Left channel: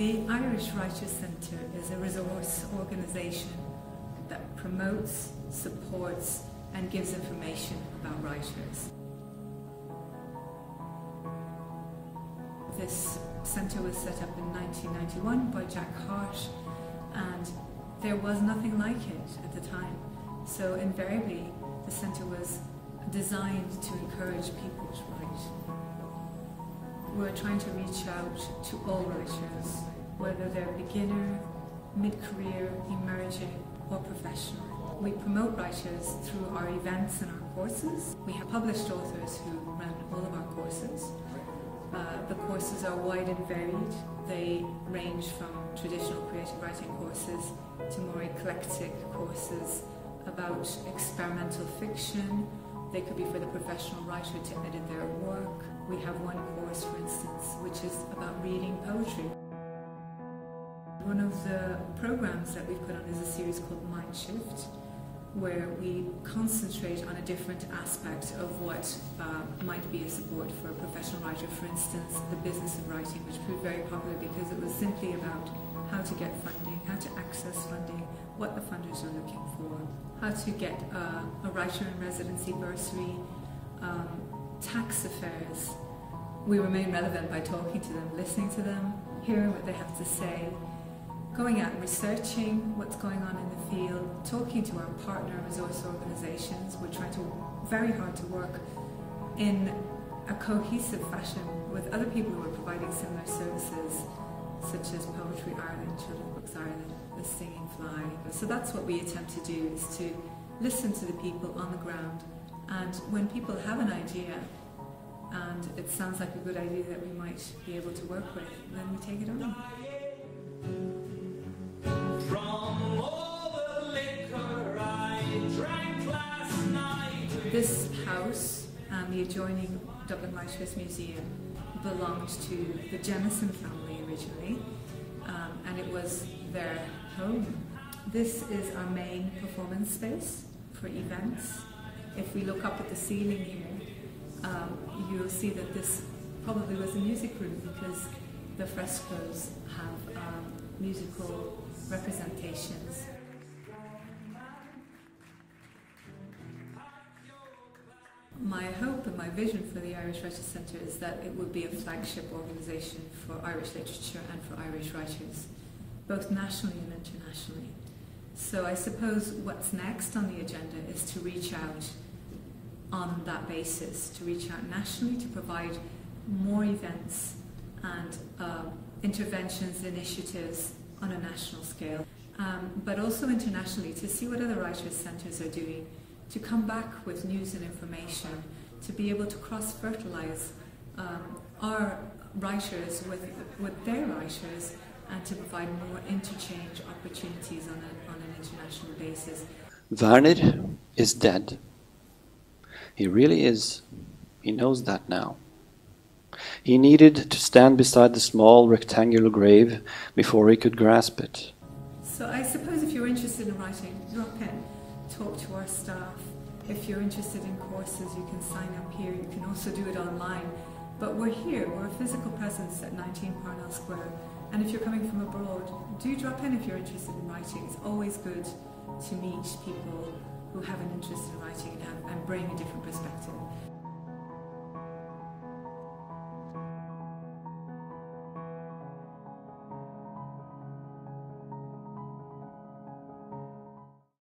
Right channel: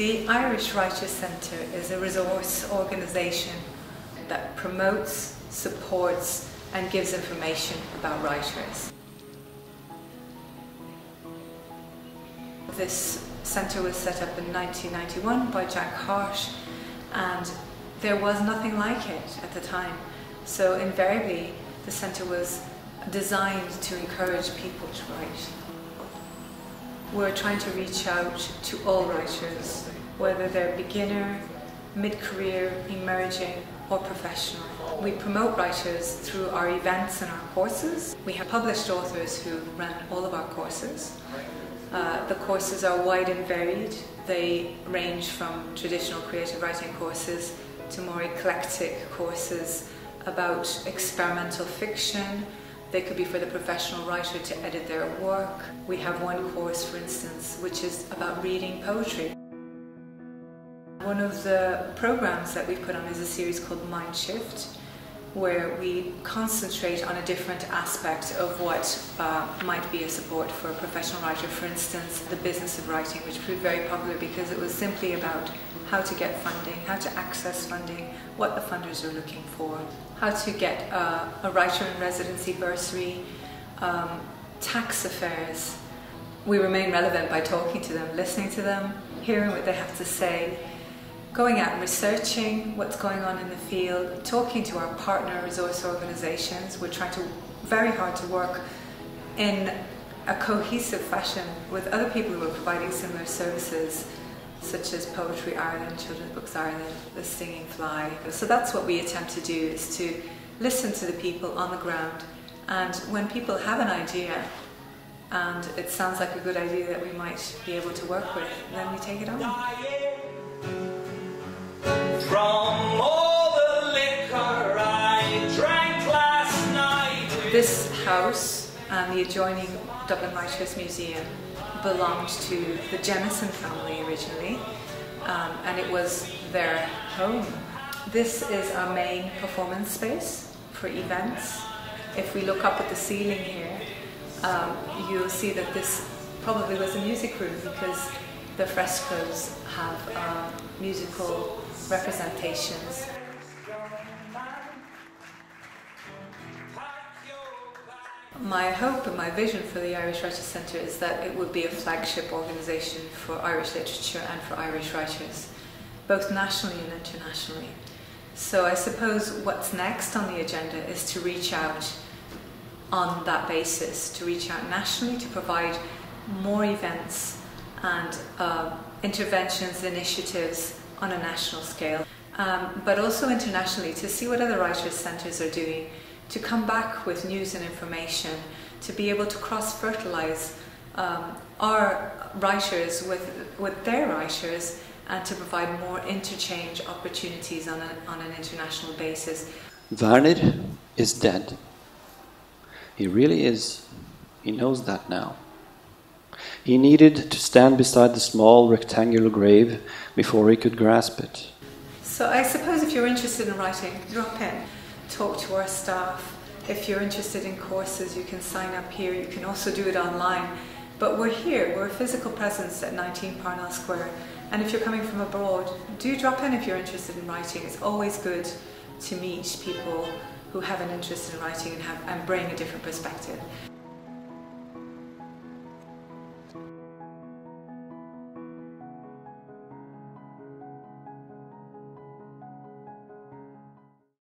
The Irish Writers Centre is a resource organisation that promotes, supports and gives information about writers. This centre was set up in 1991 by Jack Hart, and there was nothing like it at the time. So invariably the centre was designed to encourage people to write. We're trying to reach out to all writers, whether they're beginner, mid-career, emerging or professional. We promote writers through our events and our courses. We have published authors who run all of our courses. The courses are wide and varied. They range from traditional creative writing courses to more eclectic courses about experimental fiction. They could be for the professional writer to edit their work. We have one course, for instance, which is about reading poetry. One of the programs that we put on is a series called Mind Shift, where we concentrate on a different aspect of what might be a support for a professional writer. For instance, the business of writing, which proved very popular because it was simply about how to get funding, how to access funding, what the funders are looking for, how to get a writer in residency bursary, tax affairs. We remain relevant by talking to them, listening to them, hearing what they have to say, going out and researching what's going on in the field, talking to our partner resource organisations. We're trying very hard to work in a cohesive fashion with other people who are providing similar services, such as Poetry Ireland, Children's Books Ireland, The Stinging Fly. So that's what we attempt to do, is to listen to the people on the ground, and when people have an idea and it sounds like a good idea that we might be able to work with, then we take it on. From all the liquor I drank last night. This house and the adjoining Dublin Writers Museum belonged to the Jemison family originally, and it was their home. This is our main performance space for events. If we look up at the ceiling here, you'll see that this probably was a music room, because the frescoes have musical representations. My hope and my vision for the Irish Writers Centre is that it would be a flagship organisation for Irish literature and for Irish writers, both nationally and internationally. So I suppose what's next on the agenda is to reach out on that basis, to reach out nationally, to provide more events and interventions, initiatives on a national scale, but also internationally, to see what other writers' centres are doing, to come back with news and information, to be able to cross-fertilise our writers with their writers, and to provide more interchange opportunities on an international basis. Valerie is dead. He really is. He knows that now. He needed to stand beside the small rectangular grave before he could grasp it. So I suppose if you're interested in writing, drop in, talk to our staff. If you're interested in courses, you can sign up here. You can also do it online. But we're here, we're a physical presence at 19 Parnell Square. And if you're coming from abroad, do drop in if you're interested in writing. It's always good to meet people who have an interest in writing and bring a different perspective.